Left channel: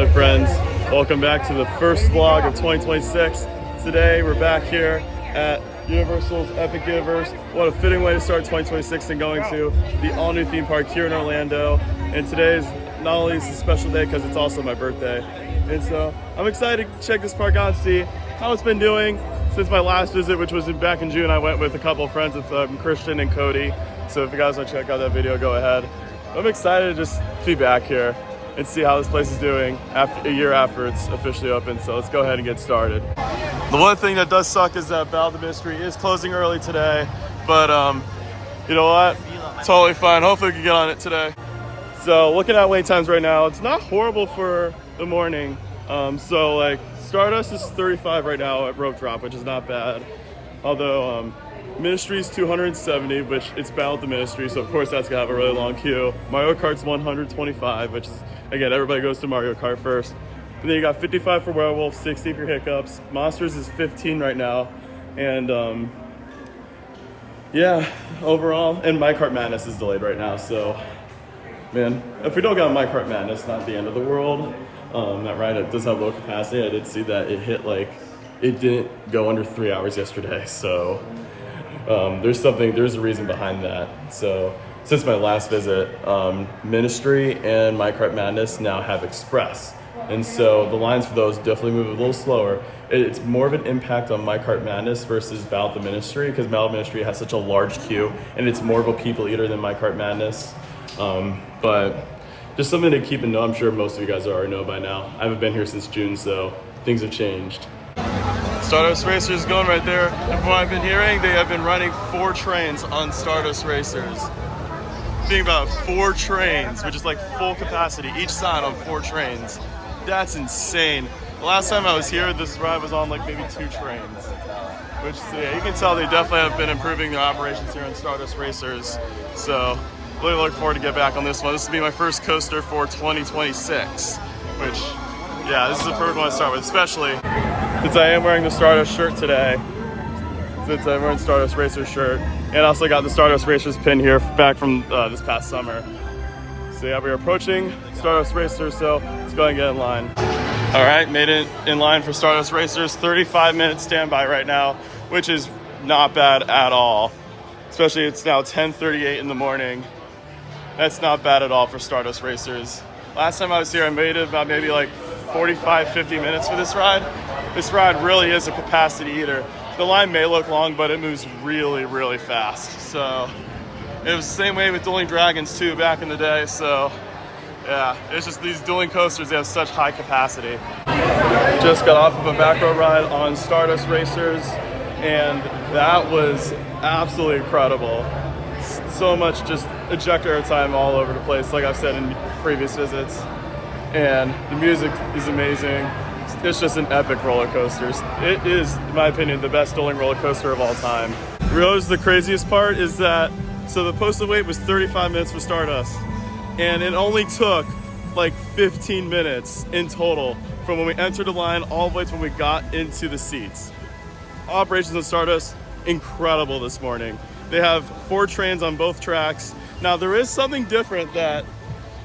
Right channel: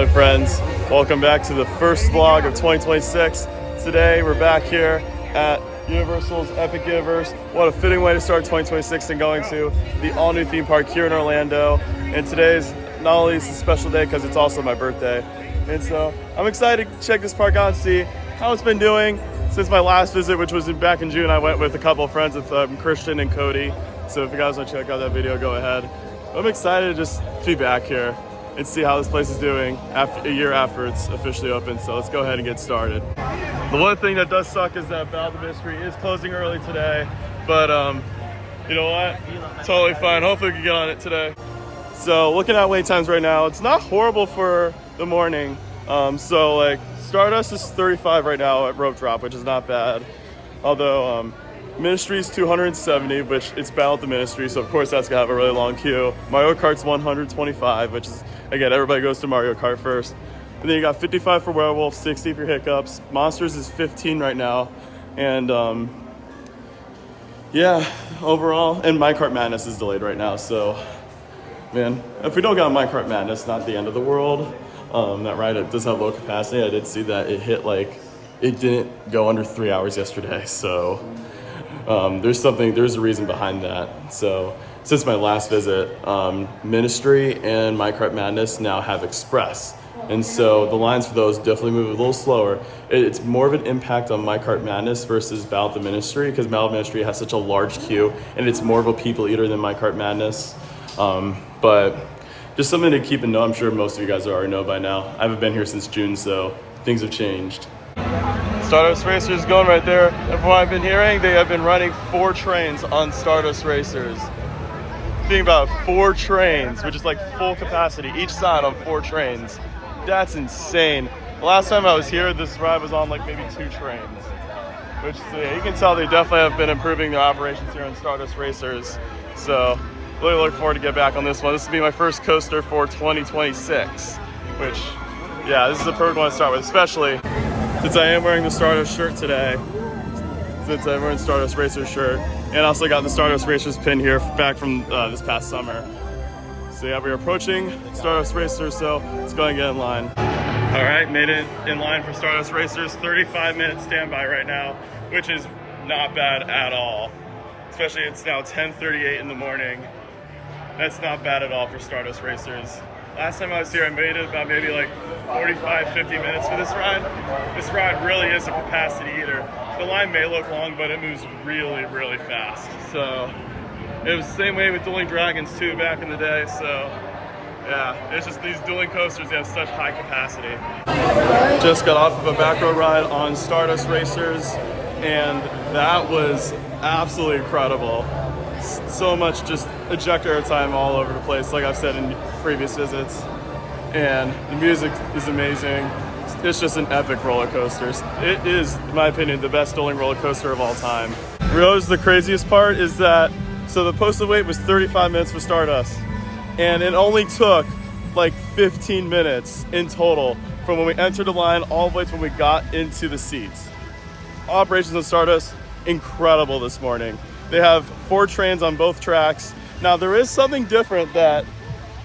Hello friends, welcome back to the first vlog of 2026. Today we're back here at Universal's Epic Universe. What a fitting way to start 2026 and going to the all new theme park here in Orlando. And today's not only is a special day because it's also my birthday. And so I'm excited to check this park out and see how it's been doing since my last visit, which was back in June. I went with a couple of friends with Christian and Cody. So if you guys want to check out that video, go ahead. I'm excited to just be back here and see how this place is doing after a year after it's officially open. So let's go ahead and get started. The one thing that does suck is that Battle of the Mystery is closing early today, but you know what? Totally fine. Hopefully we can get on it today. So looking at wait times right now, it's not horrible for the morning. So like Stardust is 35 right now at Rope Drop, which is not bad. Although Ministry is 270, which it's Battle of the Ministry, so of course that's gonna have a really long queue. Mario Kart's 125, which is, again, everybody goes to Mario Kart first. And then you got 55 for Werewolf, 60 for Hiccups. Monsters is 15 right now. And yeah, overall, and My Kart Madness is delayed right now. So, man, if we don't get on My Kart Madness, not the end of the world. That ride, it does have low capacity. I did see that it hit it didn't go under 3 hours yesterday. So there's a reason behind that. So since my last visit, Ministry and My Kart Madness now have Express. And so the lines for those definitely move a little slower. It's more of an impact on My Kart Madness versus Battle of the Ministry, because Battle of the Ministry has such a large queue and it's more of a people eater than My Kart Madness. But just something to keep in mind. I'm sure most of you guys already know by now. I haven't been here since June, so things have changed. Stardust Racers going right there. And from what I've been hearing, they have been running 4 trains on Stardust Racers. Think about 4 trains, which is like full capacity, each side on 4 trains. That's insane. The last time I was here, this ride was on like maybe 2 trains. Which, so yeah, you can tell they definitely have been improving their operations here on Stardust Racers. So, really look forward to get back on this one. This will be my first coaster for 2026. Which, yeah, this is the perfect one to start with, especially since I am wearing the Stardust shirt today. Since I'm wearing Stardust Racers shirt. And I also got the Stardust Racers pin here back from this past summer. So yeah, we are approaching Stardust Racers, so let's go and get in line. All right, made it in line for Stardust Racers. 35-minute standby right now, which is not bad at all. Especially it's now 10:38 in the morning. That's not bad at all for Stardust Racers. Last time I was here, I made it about maybe like 45, 50 minutes for this ride. This ride really is a capacity eater. The line may look long, but it moves really, really fast. So it was the same way with Dueling Dragons too back in the day. So yeah, it's just these dueling coasters, they have such high capacity. Just got off of a back row ride on Stardust Racers, and that was absolutely incredible. So much just ejector airtime all over the place, like I've said in previous visits. And the music is amazing. It's just an epic roller coaster. It is, in my opinion, the best dueling roller coaster of all time. Realize the craziest part is that, so the posted wait was 35 minutes for Stardust, and it only took like 15 minutes in total from when we entered the line all the way to when we got into the seats. Operations on Stardust, incredible this morning. They have 4 trains on both tracks. Now there is something different that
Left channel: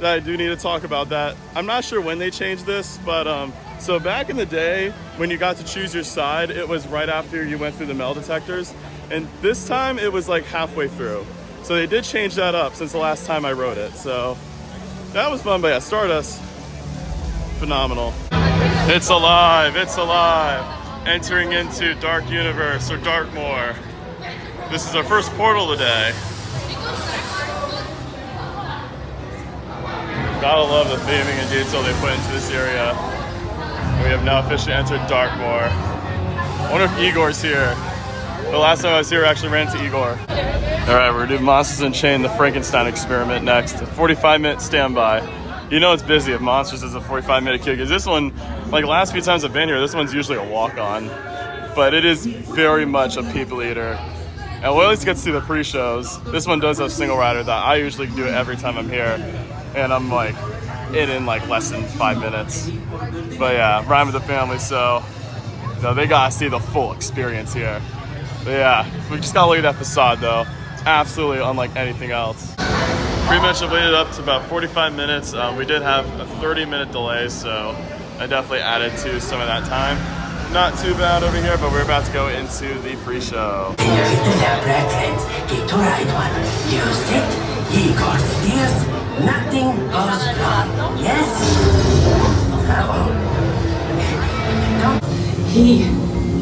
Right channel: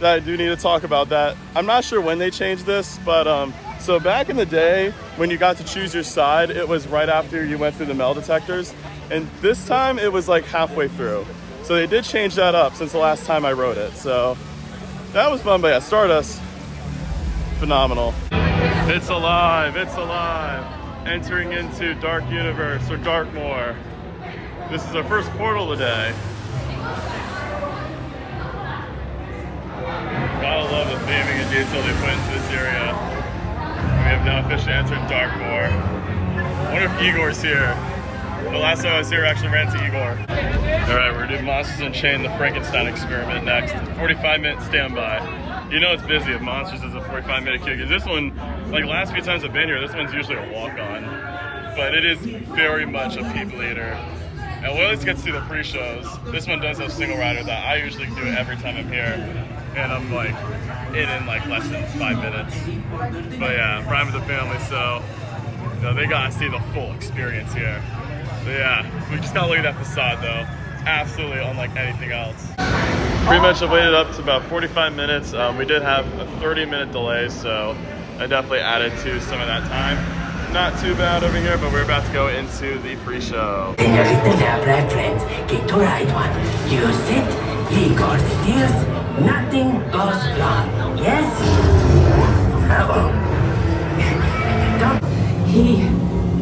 I do need to talk about. That I'm not sure when they changed this, but so back in the day when you got to choose your side, it was right after you went through the metal detectors, and this time it was like halfway through. So they did change that up since the last time I rode it. So that was fun, but yeah, Stardust, phenomenal. It's alive, it's alive. Entering into Dark Universe or Darkmoor. This is our first portal today. Gotta love the theming and detail they put into this area. We have now officially entered Darkmoor. I wonder if Igor's here. The last time I was here, I actually ran into Igor. All right, we're gonna do Monsters Unchained, the Frankenstein experiment next. 45-minute standby. You know it's busy if Monsters is a 45-minute queue, because this one, like last few times I've been here, this one's usually a walk-on. But it is very much a people eater. And we'll at least get to see the pre-shows. This one does have single rider that I usually do every time I'm here. And I'm like in like less than 5 minutes. But yeah, I'm riding with the family, so they gotta see the full experience here. But yeah, we just gotta look at that facade though. It's absolutely unlike anything else. Pretty much I waited up to about 45 minutes. We did have a 30-minute delay, so I definitely added to some of that time. Not too bad over here, but we're about to go into the pre-show. Señorita de Blackland, get to right one. Use it, he goes steers, nothing goes wrong. Yes? Bravo. He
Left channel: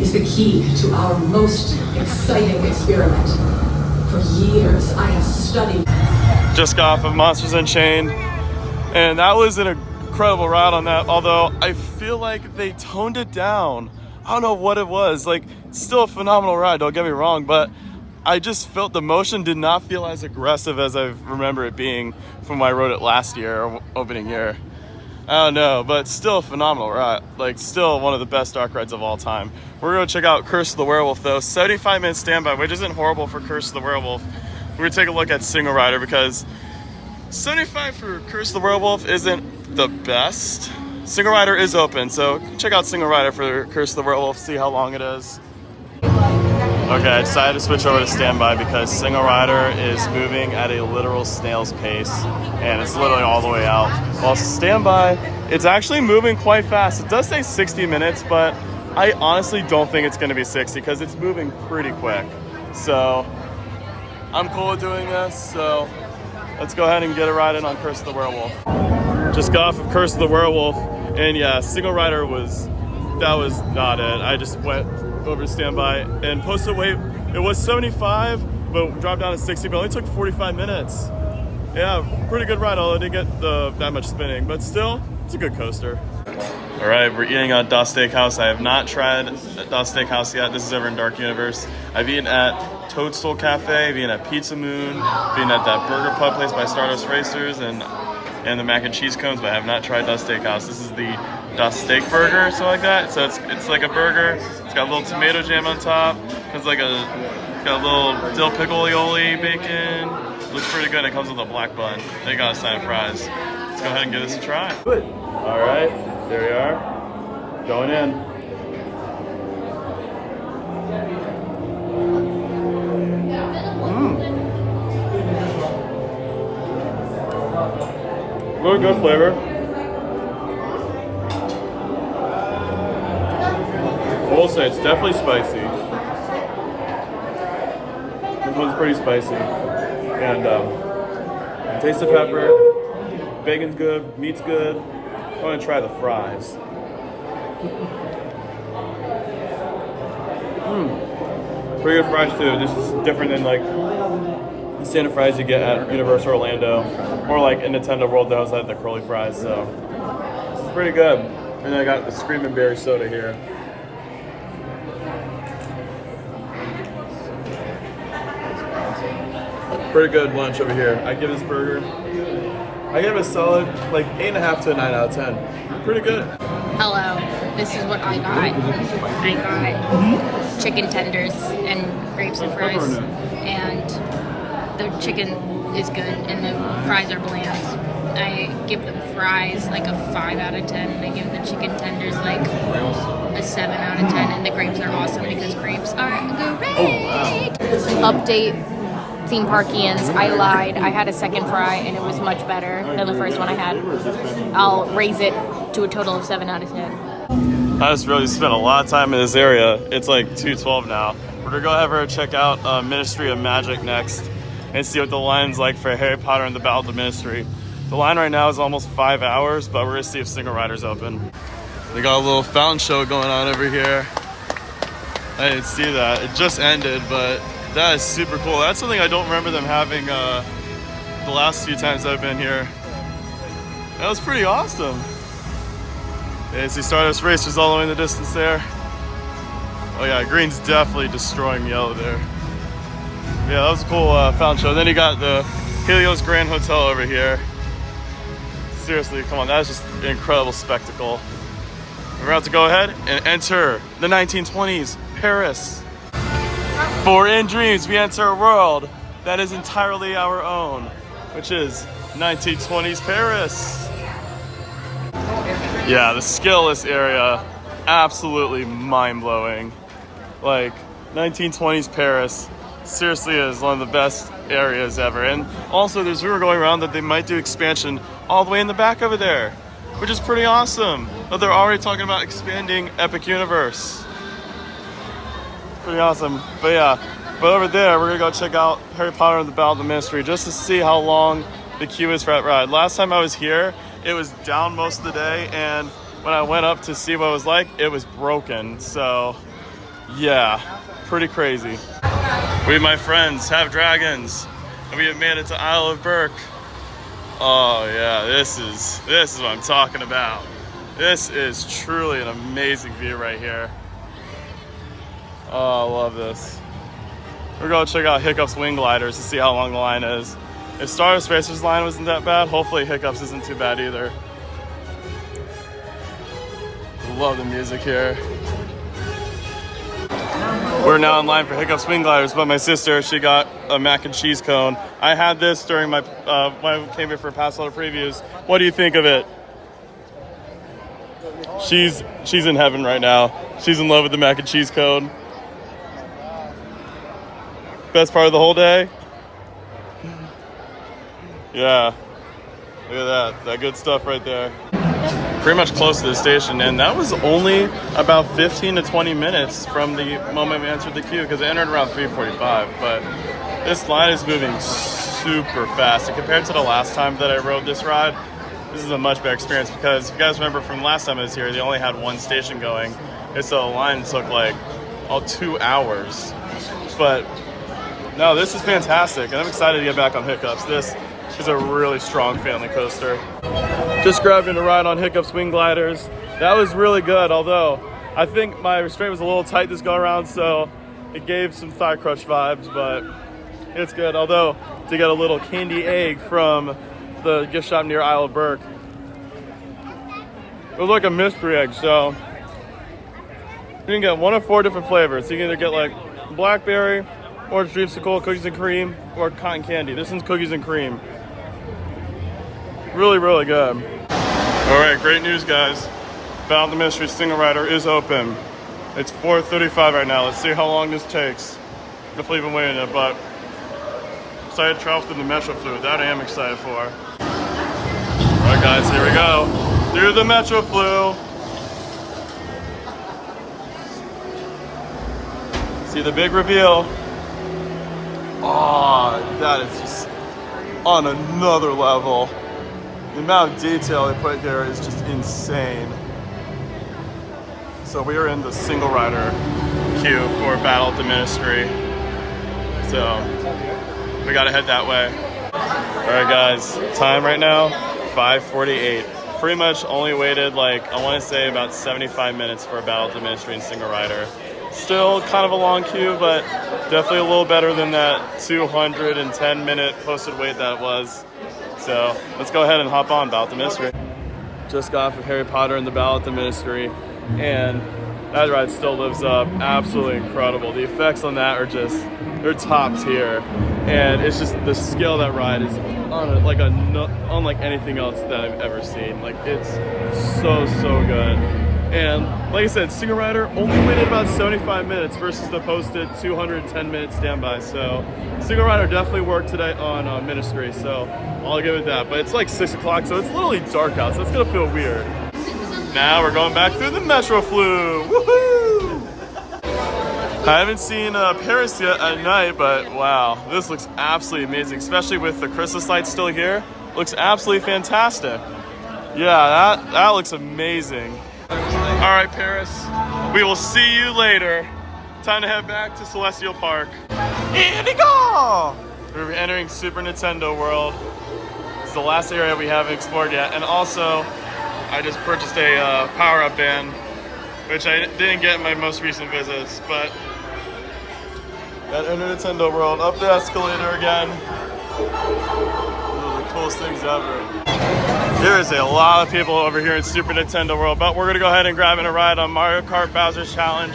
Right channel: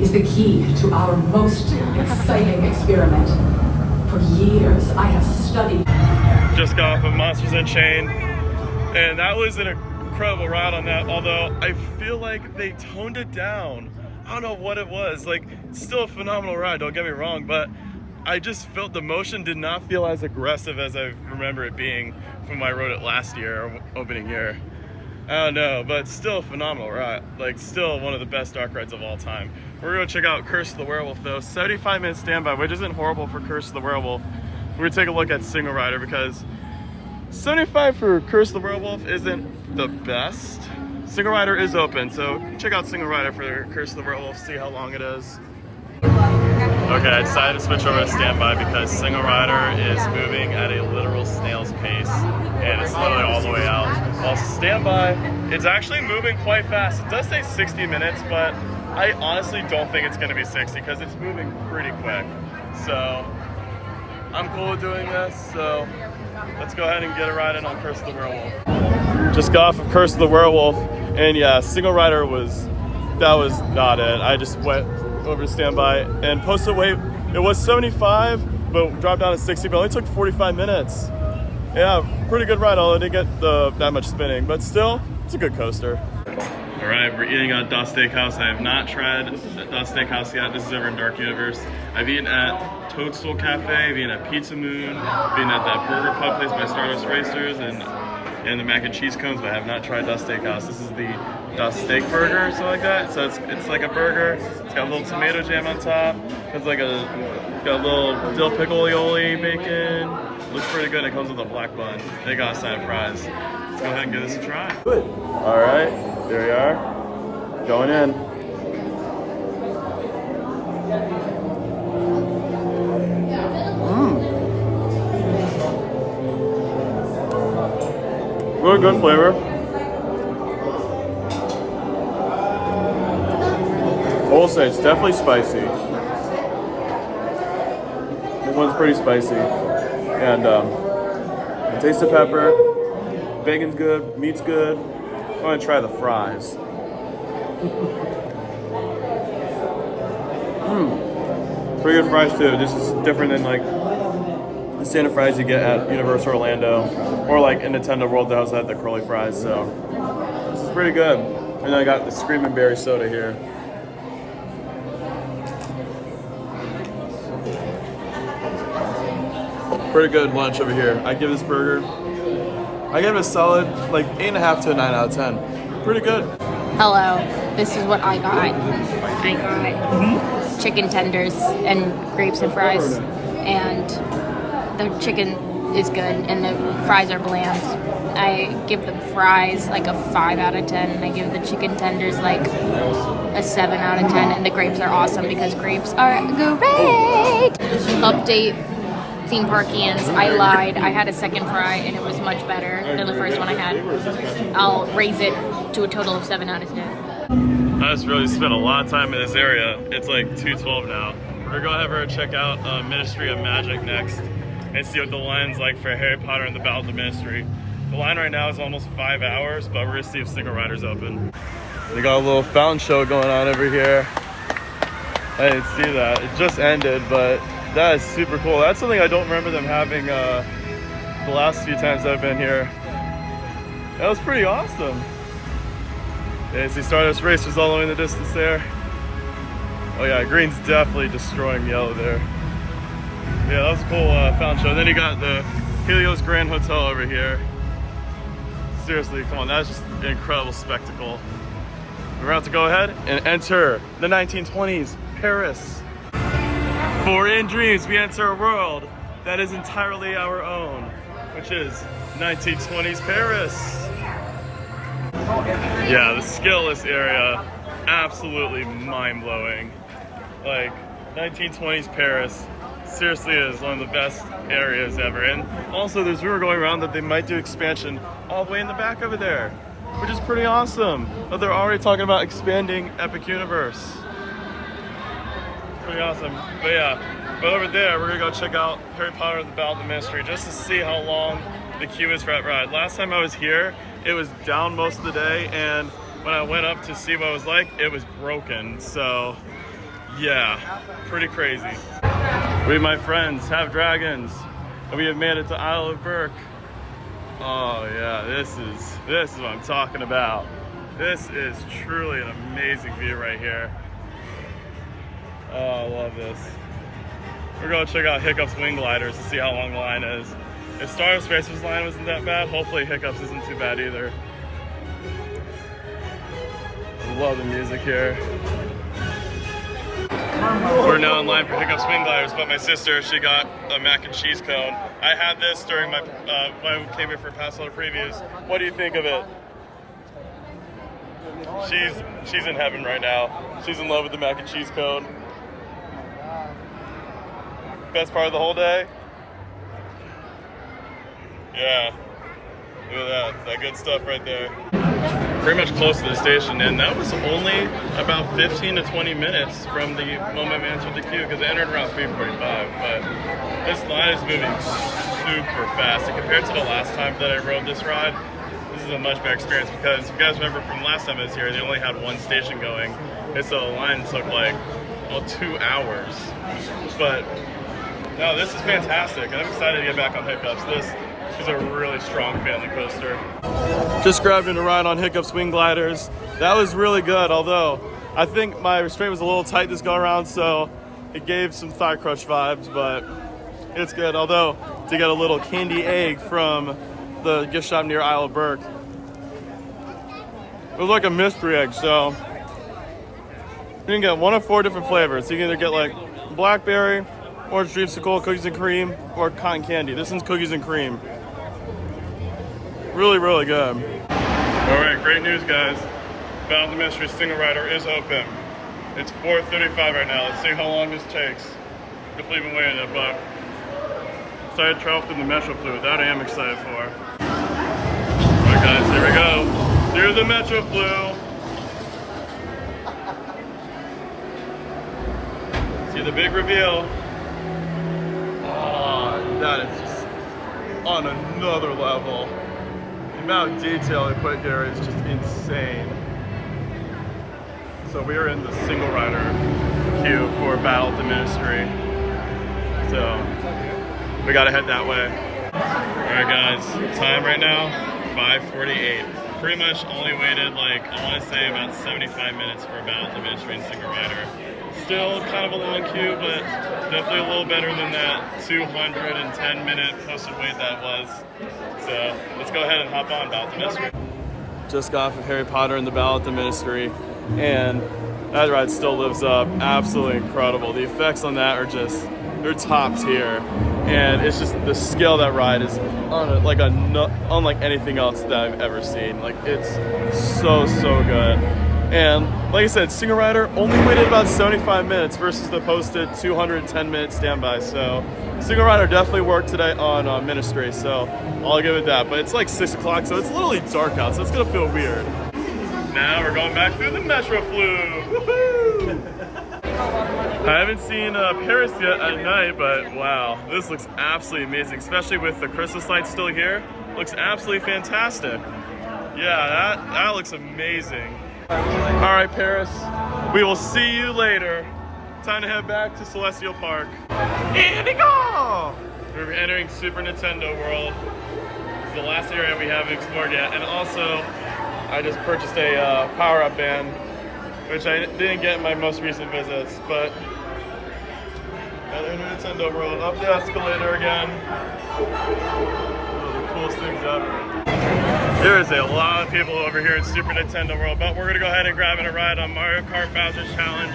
is the key to our most exciting experiment. For years, I have studied. Just got off of Monsters Unchained, and that was an incredible ride on that, although I feel like they toned it down. I don't know what it was. Like, still a phenomenal ride, don't get me wrong, but I just felt the motion did not feel as aggressive as I remember it being from when I rode it last year, or opening year. I don't know, but still a phenomenal ride. Like, still one of the best dark rides of all time. We're gonna check out Curse of the Werewolf though. 75-minute standby, which isn't horrible for Curse of the Werewolf. We're gonna take a look at Single Rider because 75 for Curse of the Werewolf isn't the best. Single Rider is open, so check out Single Rider for Curse of the Werewolf, see how long it is. Okay, I decided to switch over to standby because Single Rider is moving at a literal snail's pace, and it's literally all the way out. While standby, it's actually moving quite fast. It does say 60 minutes, but I honestly don't think it's gonna be 60 because it's moving pretty quick. So I'm cool with doing this, so let's go ahead and get a ride in on Curse of the Werewolf. Just got off of Curse of the Werewolf, and yeah, Single Rider was not it. I just went over to standby and posted weight. It was 75, but dropped down to 60, but only took 45 minutes. Yeah, pretty good ride, although I didn't get that much spinning, but still, it's a good coaster. All right, we're eating at Das Steakhouse. I have not tried Das Steakhouse yet. This is over in Dark Universe. I've eaten at Toadstool Cafe, I've eaten at Pizza Moon, I've eaten at that burger pub place by Stardust Racers, and the mac and cheese cones, but I have not tried Das Steakhouse. This is the Das Steak Burger or something like that. So it's like a burger. It's got a little tomato jam on top. It's got a little dill pickle aioli bacon. Looks pretty good. It comes with a black bun. They got a side of fries. Let's go ahead and give this a try. All right, there we are. Going in. Really good flavor. I will say it's definitely spicy. This one's pretty spicy. And taste the pepper. Bacon's good, meat's good. I want to try the fries. Pretty good fries too. This is different than like the standard fries you get at Universal Orlando, or like in Nintendo World that also had the curly fries. So this is pretty good. And then I got the Screamin' Berry soda here. Pretty good lunch over here. I give this burger, I give it a solid like 8.5 to a 9 out of 10. Pretty good. Hello, this is what I got. I got chicken tenders and grapes and fries, and the chicken is good and the fries are bland. I give the fries like a 5 out of 10. I give the chicken tenders like a 7 out of 10, and the grapes are awesome because grapes are great. Update. Theme Parkians, I lied. I had a second fry and it was much better than the first one I had. I'll raise it to a total of 7 out of 10. I just really spent a lot of time in this area. It's like 2:12 now. We're gonna go over and check out Ministry of Magic next and see what the line's like for Harry Potter and the Battle of the Ministry. The line right now is almost 5 hours, but we're gonna see if Single Rider's open. They got a little fountain show going on over here. I didn't see that. It just ended, but that is super cool. That's something I don't remember them having the last few times I've been here. That was pretty awesome. Yeah, see Stardust Racers all the way in the distance there. Oh yeah, green's definitely destroying yellow there. Yeah, that was a cool fountain show. Then you got the Helios Grand Hotel over here. Seriously, come on, that is just an incredible spectacle. We're about to go ahead and enter the 1920s Paris. For In Dreams, we enter a world that is entirely our own, which is 1920s Paris. Yeah, the skill of this area, absolutely mind-blowing. Like, 1920s Paris seriously is one of the best areas ever. And also there's rumor going around that they might do expansion all the way in the back over there, which is pretty awesome. But they're already talking about expanding Epic Universe. Pretty awesome. But yeah, but over there we're gonna go check out Harry Potter and the Battle of the Ministry just to see how long the queue is for that ride. Last time I was here, it was down most of the day, and when I went up to see what it was like, it was broken. So yeah, pretty crazy. We, my friends, have dragons, and we have made it to Isle of Berk. Oh yeah, this is what I'm talking about. This is truly an amazing view right here. Oh, I love this. We're gonna check out Hiccup's wing gliders to see how long the line is. If Star Spacer's line wasn't that bad, hopefully Hiccup's isn't too bad either. Love the music here. We're now in line for Hiccup's wing gliders, but my sister, she got a mac and cheese cone. I had this during my when I came here for past all previews. What do you think of it? She's in heaven right now. She's in love with the mac and cheese cone. Best part of the whole day? Yeah. Look at that good stuff right there. Pretty much close to the station, and that was only about 15 to 20 minutes from the moment we entered the queue, because I entered around 3:45. But this line is moving super fast, and compared to the last time that I rode this ride, this is a much better experience, because if you guys remember from last time I was here, they only had one station going, and so the line took like 2 hours. But no, this is fantastic, and I'm excited to get back on Hiccup's. This is a really strong family coaster. Just grabbed in a ride on Hiccup's wing gliders. That was really good, although I think my restraint was a little tight this go around, so it gave some thigh crush vibes, but it's good. Although, to get a little candy egg from the gift shop near Isle of Berk. It was like a mystery egg, so you can get one of 4 different flavors. So you can either get like blackberry, orange dreamsicle, cookies and cream, or cotton candy. This one's cookies and cream. Really, really good. All right, great news, guys. Battle of the Ministry Single Rider is open. It's 4:35 right now. Let's see how long this takes. Definitely been waiting it, but excited to travel through the Metro Flu. That I am excited for. All right, guys, here we go. Through the Metro Flu. See the big reveal. Oh, that is just on another level. The amount of detail they put here is just insane. So we are in the single rider queue for Battle of the Ministry. So we gotta head that way. All right, guys, time right now, 5:48. Pretty much only waited like, I wanna say about 75 minutes for Battle of the Ministry and single rider. Still kind of a long queue, but definitely a little better than that 210-minute posted wait that was. So let's go ahead and hop on Battle of the Ministry. Just got off of Harry Potter and the Battle of the Ministry, and that ride still lives up. Absolutely incredible. The effects on that are just, they're top tier. And it's just the scale of that ride is unlike anything else that I've ever seen. Like, it's so good. And like I said, single rider only waited about 75 minutes versus the posted 210-minute standby. So single rider definitely worked today on Ministry, so I'll give it that. But it's like 6 o'clock, so it's literally dark out, so it's gonna feel weird. Now we're going back through the Metro Flu. Woohoo! I haven't seen Paris yet at night, but wow, this looks absolutely amazing, especially with the Christmas lights still here. Looks absolutely fantastic. Yeah, that looks amazing. All right, Paris, we will see you later. Time to head back to Celestial Park. Here we go! We're entering Super Nintendo World. This is the last area we haven't explored yet. And also, I just purchased a power-up band, which I didn't get in my most recent visits, but at Nintendo World, up the escalator again. One of the coolest things ever. There's a lot of people over here in Super Nintendo World, but we're gonna go ahead and grab in a ride on Mario Kart Bowser's Challenge.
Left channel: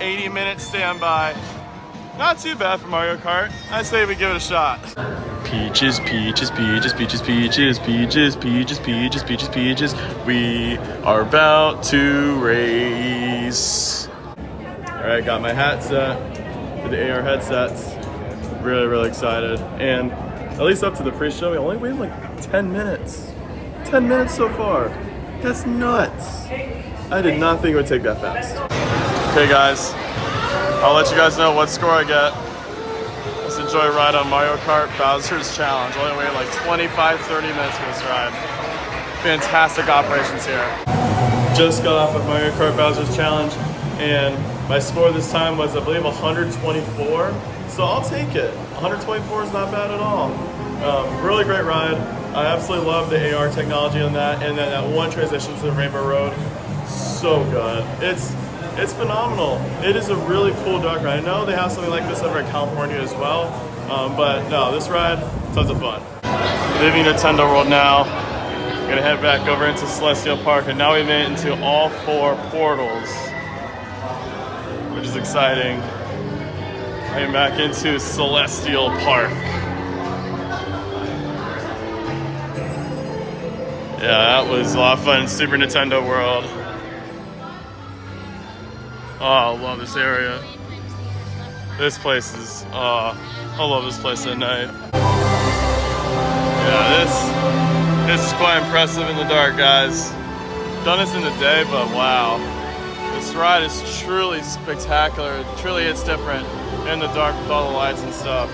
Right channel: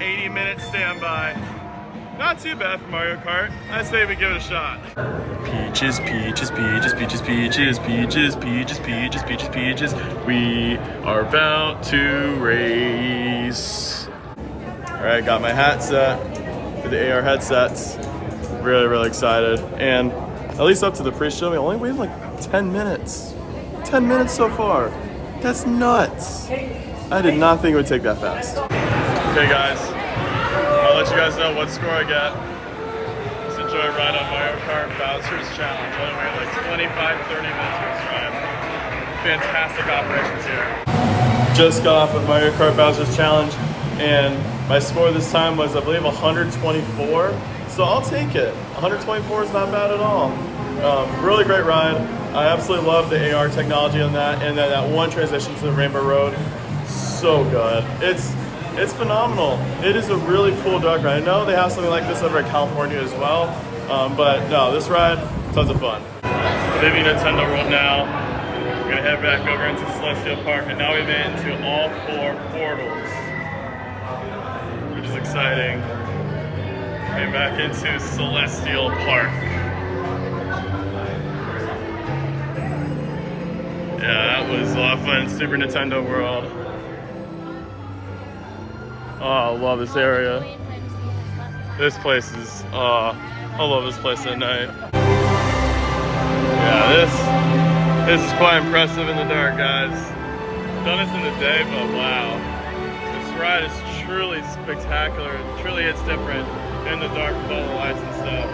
80-minute standby. Not too bad for Mario Kart. I say we give it a shot. Peaches, peaches, peaches, peaches, peaches, peaches, peaches, peaches, peaches, peaches. We are about to race. All right, got my hat set for the AR headsets. Really, really excited. And at least up to the pre-show, we only waited like 10 minutes. 10 minutes so far. That's nuts. I did not think it would take that fast. Okay guys, I'll let you guys know what score I get. Let's enjoy a ride on Mario Kart Bowser's Challenge. Only waited like 25-30 minutes for this ride. Fantastic operations here. Just got off of Mario Kart Bowser's Challenge, and my score this time was, I believe, 124. So I'll take it. 124 is not bad at all. Really great ride. I absolutely love the AR technology on that, and then that one transition to the Rainbow Road. So good. It's phenomenal. It is a really cool dark ride. I know they have something like this over in California as well, but no, this ride, tons of fun. Leaving Nintendo World now. We're gonna head back over into Celestial Park, and now we made it into all 4 portals, which is exciting. And back into Celestial Park. Yeah, that was a lot of fun. Super Nintendo World. Oh, I love this area. This place is, I love this place at night. Yeah, this is quite impressive in the dark, guys. Done this in the day, but wow. This ride is truly spectacular. It truly hits different in the dark with all the lights and stuff.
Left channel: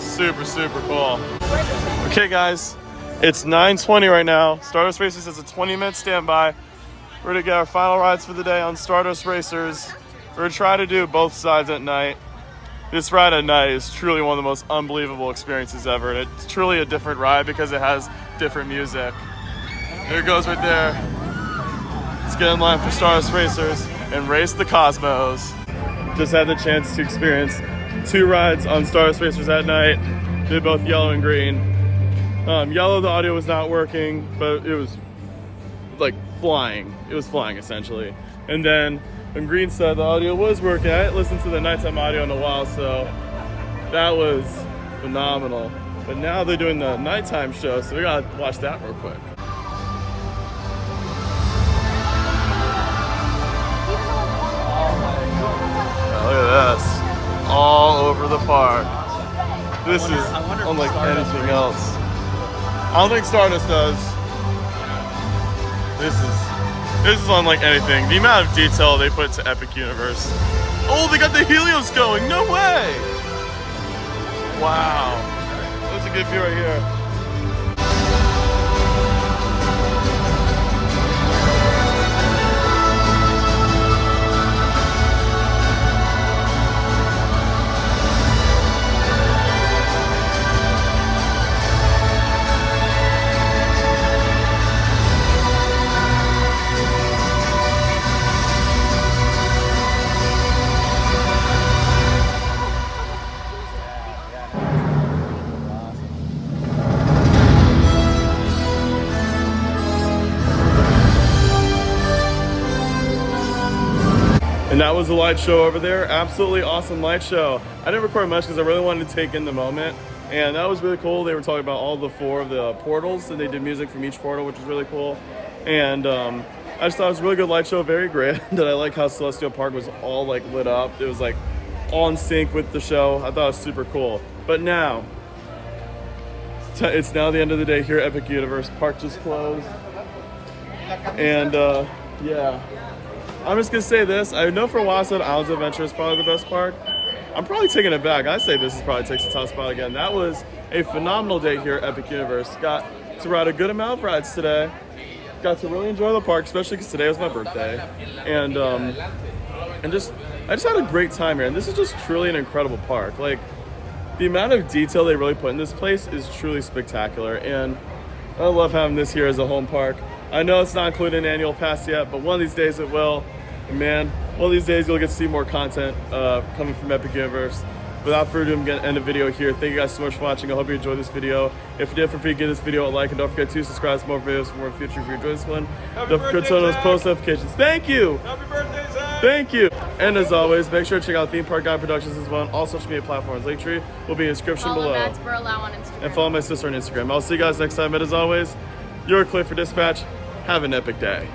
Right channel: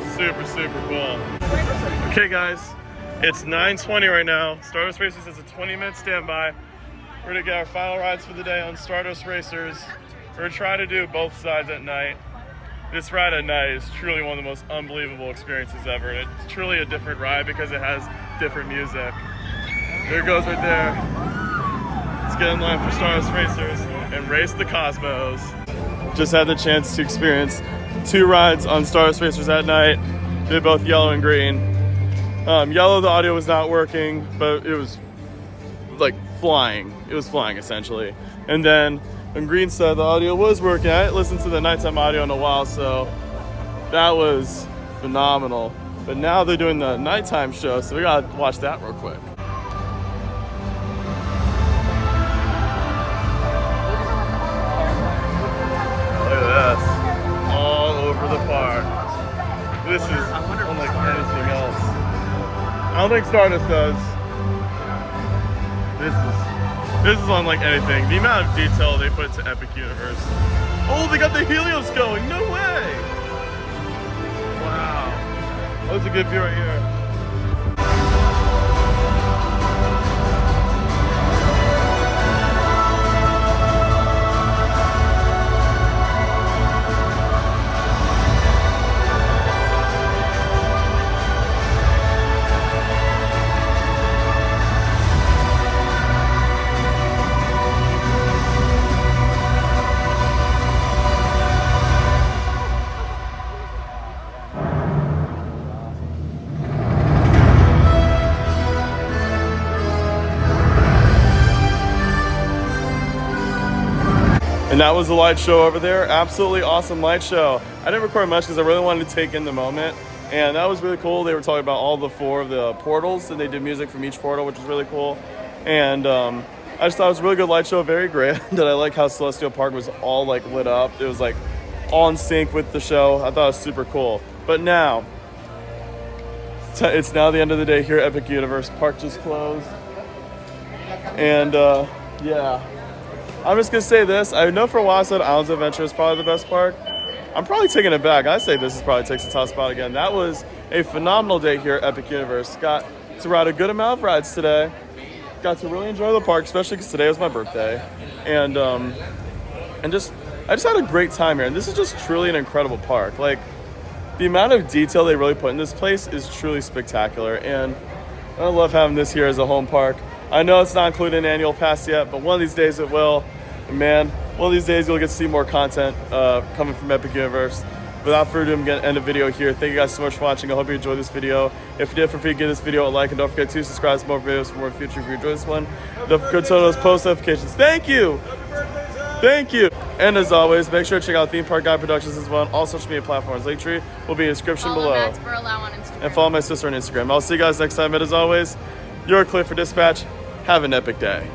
Super, super cool. Okay, guys, it's 9:20 right now. Stardust Racers has a 20-minute standby. We're gonna get our final rides for the day on Stardust Racers. We're gonna try to do both sides at night. This ride at night is truly one of the most unbelievable experiences ever. And it's truly a different ride because it has different music. There it goes right there. Let's get in line for Stardust Racers and race the Cosmos. Just had the chance to experience 2 rides on Stardust Racers at night. They're both yellow and green. Yellow, the audio was not working, but it was like flying. It was flying essentially. And then on green side, the audio was working. I hadn't listened to the nighttime audio in a while, so that was phenomenal. But now they're doing the nighttime show, so we gotta watch that real quick. Look at this. All over the park. This is unlike anything else. I don't think Stardust does. This is unlike anything. The amount of detail they put to Epic Universe. Oh, they got the Helios going. No way. Wow. That's a good view right here. And that was the light show over there. Absolutely awesome light show. I didn't record much because I really wanted to take in the moment. And that was really cool. They were talking about all the 4 of the portals, and they did music from each portal, which is really cool. And I just thought it was a really good light show, very grand. I like how Celestial Park was all like lit up. It was like all in sync with the show. I thought it was super cool. But now, it's now the end of the day here at Epic Universe. Park just closed. And yeah. I'm just gonna say this. I know for a while I said Islands of Adventure is probably the best park. I'm probably taking it back. I say this is probably takes the top spot again. That was a phenomenal day here at Epic Universe. Got to ride a good amount of rides today. Got to really enjoy the park, especially because today was my birthday. And I just had a great time here. And this is just truly an incredible park. Like, the amount of detail they really put in this place is truly spectacular. And I love having this here as a home park. I know it's not included in annual pass yet, but one of these days it will. And man, one of these days you'll get to see more content coming from Epic Universe. Without further ado, I'm going to end the video here. Thank you guys so much for watching. I hope you enjoyed this video. If you did, feel free to give this video a like, and don't forget to subscribe for more videos for more future if you enjoyed this one. Don't forget to turn on those post notifications. Thank you! Happy birthday, Zach! Thank you! And as always, make sure to check out Theme Park Guide Productions as well on all social media platforms. Linktree will be in the description below. Follow Mads Burlau on Instagram. And follow my sister on Instagram. I'll see you guys next time. And as always, you're clear for dispatch. Have an epic day.